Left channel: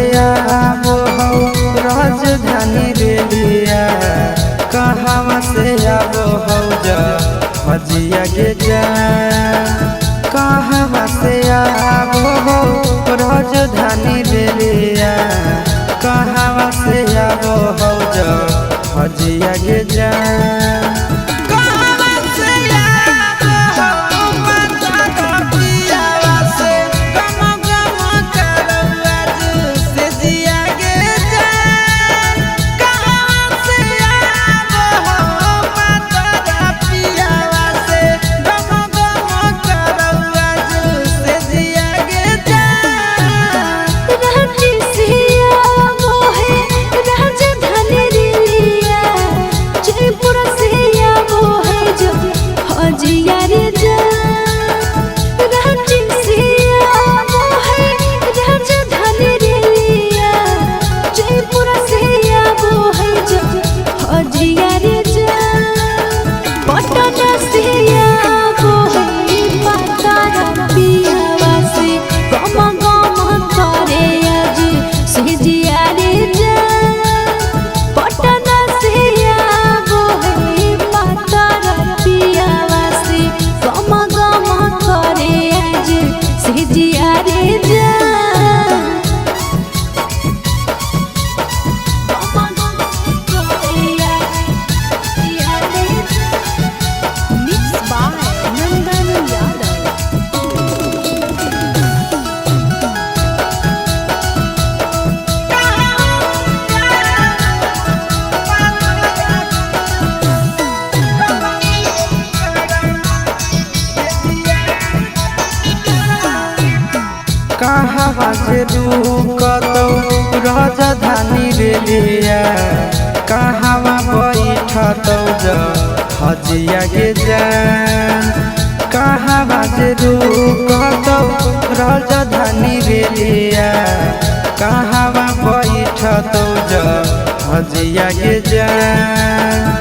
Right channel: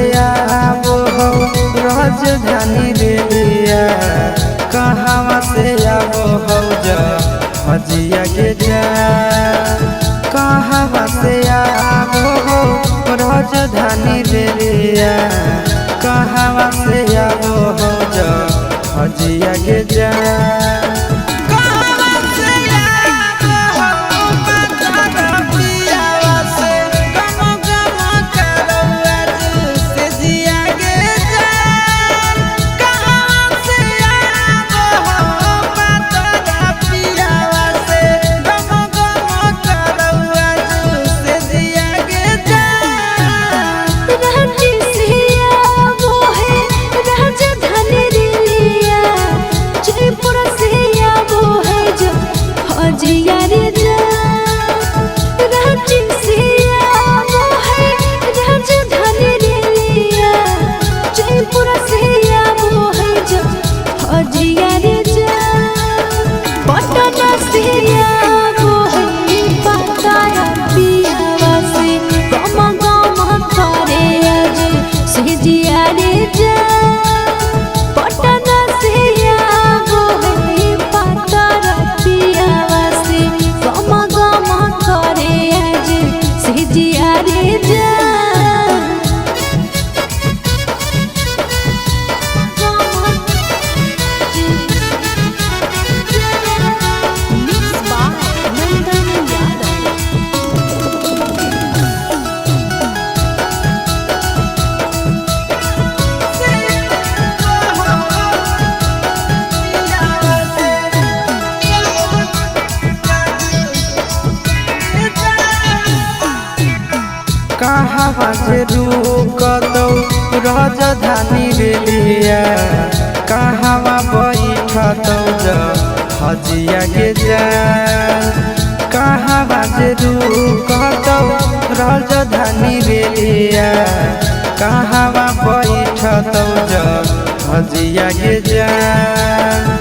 से आबो हो राजधानी रेलिया, कहवा से आबो हो हजिया के जा, कहवा से आबो हो राजधानी रेलिया, कहवा से आबो हो हजिया के जा। कहवा से रुकतौ राजधानी रेलिया, कहवा बैठतौ हजिया के जान, कहवा से रुकतौ राजधानी रेलिया, कहवा बैठतौ हजिया के जान।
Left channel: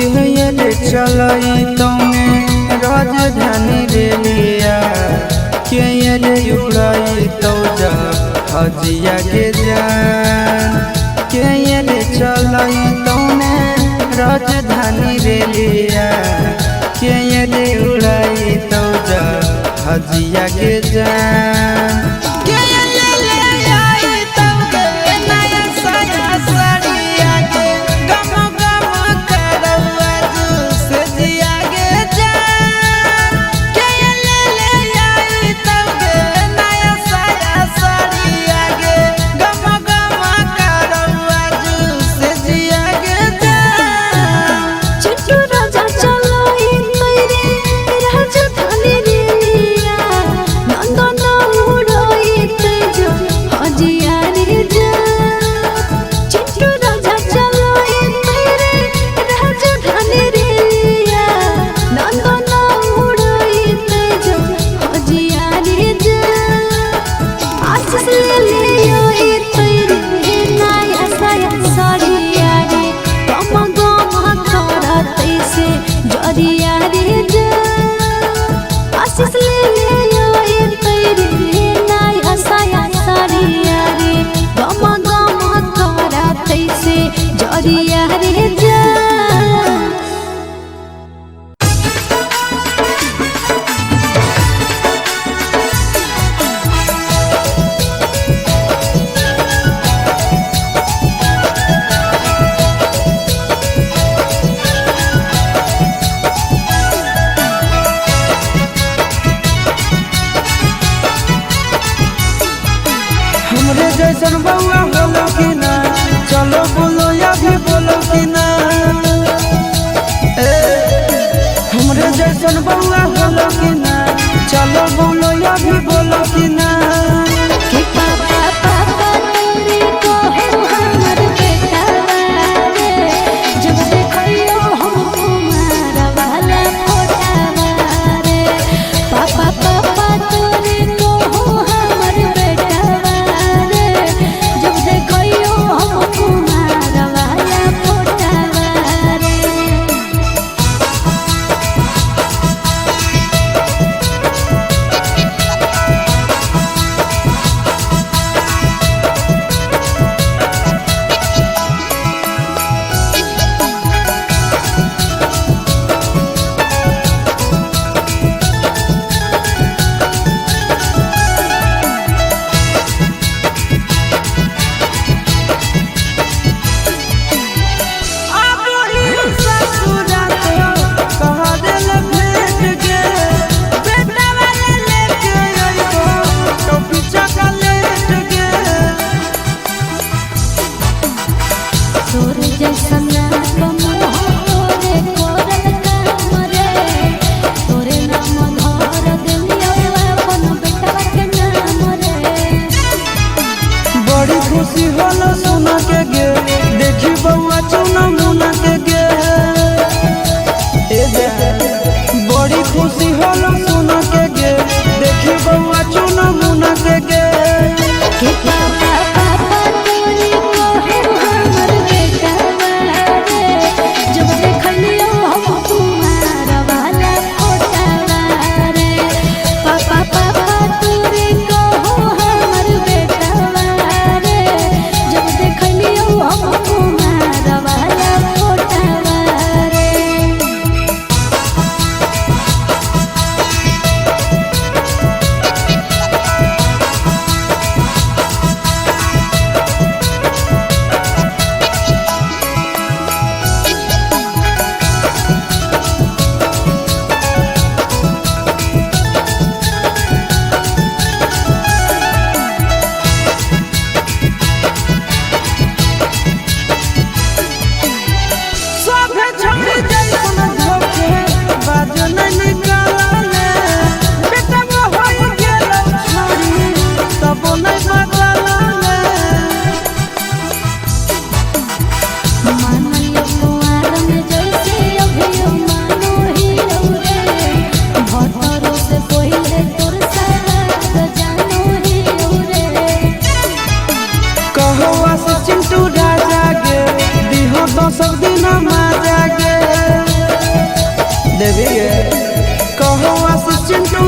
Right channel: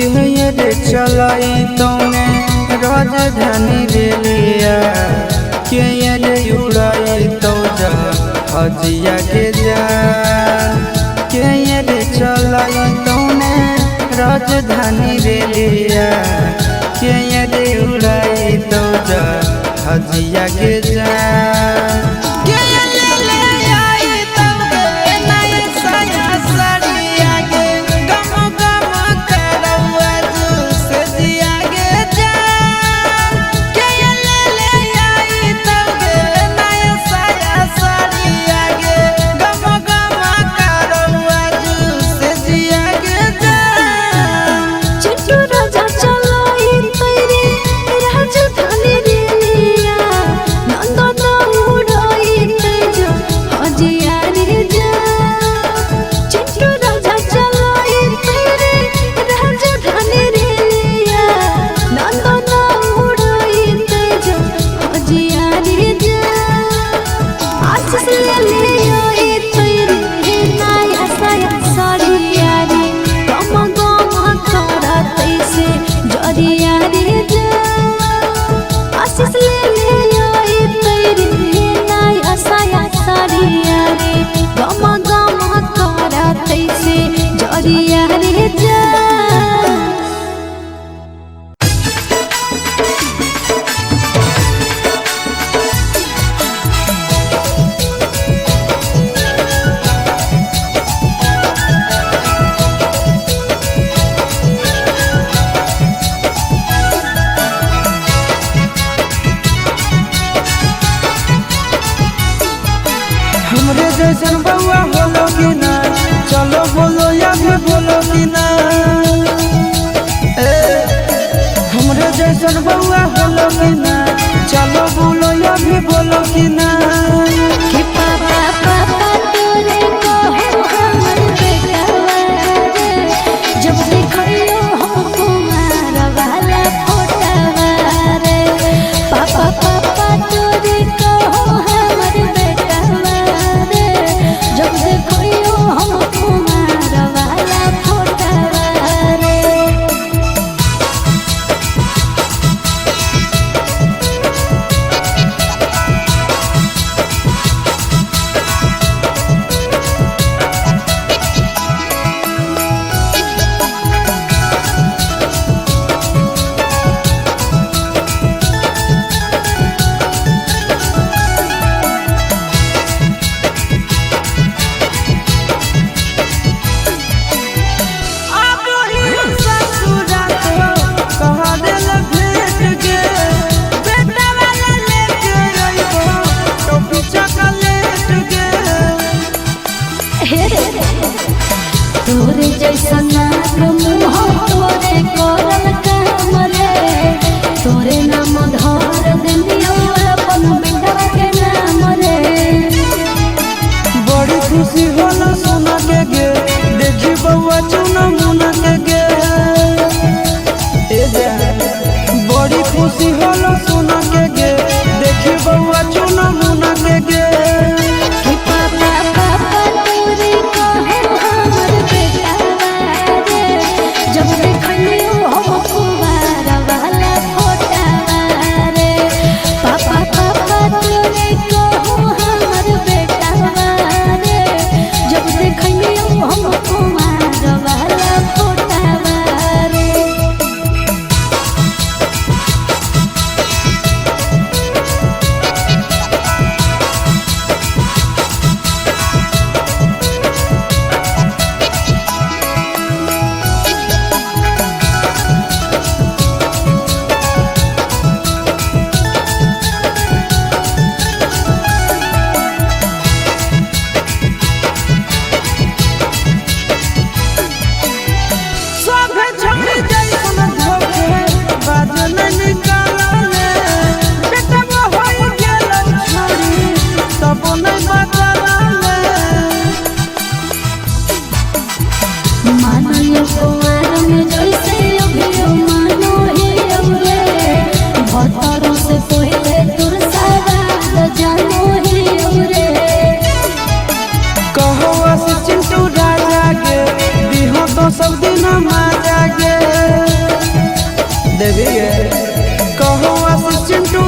के चलाई तौने राजधानी रेलिया, के उड़ाई तो हजिया के जान, के चलाई तौने राजधानी रेलिया, के उड़ाई तो हजिया के जान। राजधानी रेलिया नंदन उड़ाई आशीष ले आई तेरे नाय हसाया सारिया रे गमा गमा करा तैसे जरिया रे जा हमरे जैसन बउआ होलो कि ना चलो बोलो या भी बोलो कि ना हमरे जैसन बउआ होलो कि ना चलो बोलो या भी बोलो कि ना खुशी होला सुना के गे देखी बउआ चुना मुना के गे बड़ी खुशी होला सुना के गे देखी बउआ चुना मुना के गे सब दिन मजा गे देवी गे कहो आशीष चिंटू